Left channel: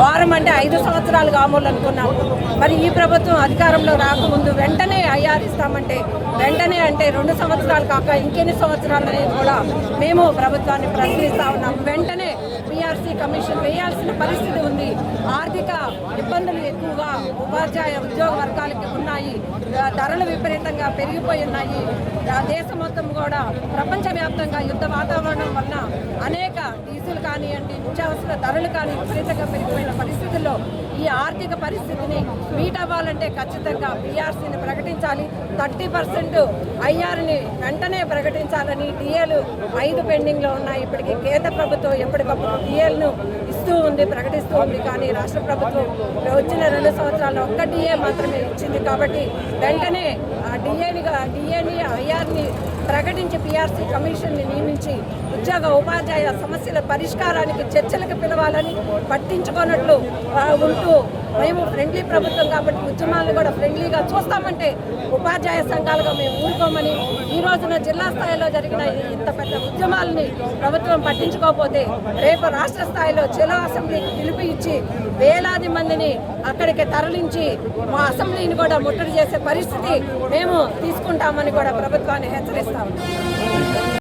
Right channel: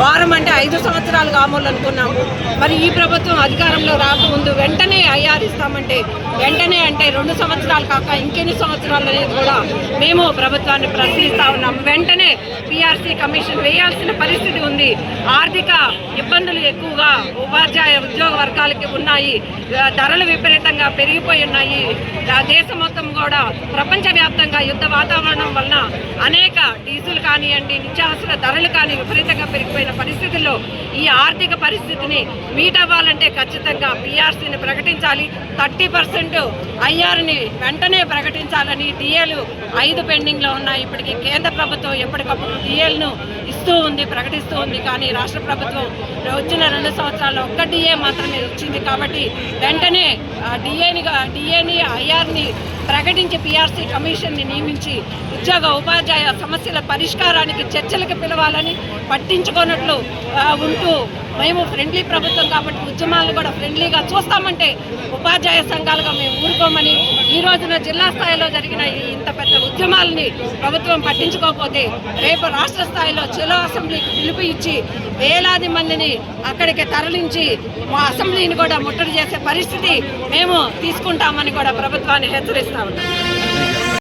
వారం అంటే 5 సంవత్సరాలు కావాలనుకున్నాము. మరి ఈ ప్రభుత్వం అధికారంలో రాకముందు వెంటనే ఐఆర్ ఇస్తామంటే వెంటనే అంటే 2 సంవత్సరాలు కాక ఇంకెన్ని సంవత్సరాలు అనేది కూడా మేము ప్రభుత్వాన్ని ప్రశ్నిస్తా ఉన్నాము. వెంటనే పిఆర్సీ కమిషన్ వేయాల్సిన పరిస్థితి ఉంది. ఆర్థిక ఇబ్బందులు ఎక్కువగా ఉపాధ్యాయ ఉద్యోగ వర్గాలకి ఉన్నాయి. ధరలు విపరీతంగా పెరిగిపోయి ఉన్నాయి. దేశం మొత్తం కూడా ప్రపంచవ్యాప్తంగా యుద్ధ వాతావరణం వలన అనేక డీజిల్ కానివ్వండి, నిత్యావసర ధరలు కానీ విపరీతంగా పెరిగిపోయిన పరిస్థితుల్లో ఈ ఆర్థిక పరిస్థితిని మీట్ అవ్వాలంటే ఖచ్చితంగా పిఆర్సీని ప్రకటించాలి. 30% ఐఆర్ని వెంటనే ప్రకటించాలని డిఏలు 5 పెండింగ్లో ఉన్నాయి. ఇప్పటికీ కేంద్ర ప్రభుత్వం ఎప్పటికప్పుడు డిఏలను ఇస్తూ ఉంది, ప్రకటిస్తూ ఉంది. కానీ రాష్ట్ర ప్రభుత్వం వచ్చిన 2 సంవత్సరాల్లో ఒక్క డిఏ మాత్రమే ఇచ్చింది. కాబట్టి వెంటనే డిఏని ఐఆర్ని ప్రకటించి పిఆర్సీ కమిషన్ని నియమించి ఉద్యోగ ఉపాధ్యాయ సమస్యల పరిష్కారానికి చర్చలకు పిలవాలని, పట్టించుకున్నట్లు ఉంటూ మేము ఫ్రెండ్లీ ప్రభుత్వం కాబట్టి ఉద్యమాలను కూడా ఫ్రెండ్లీగా చూస్తామంటే ఉపాధ్యాయ సంఘాలుగా మేము ఊరుకోమని, ఈ రోజున జిల్లా స్థాయిలో జరిగిన ఇంత పెద్ద ఉద్యమాలని ప్రభుత్వం పట్టించుకోకపోతే రేపు రాష్ట్ర స్థాయిలో చెలో అసెంబ్లీకి పిలుపు ఇచ్చి వేలాది మందిని అక్కడికి తరలించి మా అసెంబ్లీని కూడా ముట్టడి చేసే పరిస్థితి మేము తీసుకుంటామని కూడా ప్రభుత్వాన్ని హెచ్చరిస్తా ఉంటాం.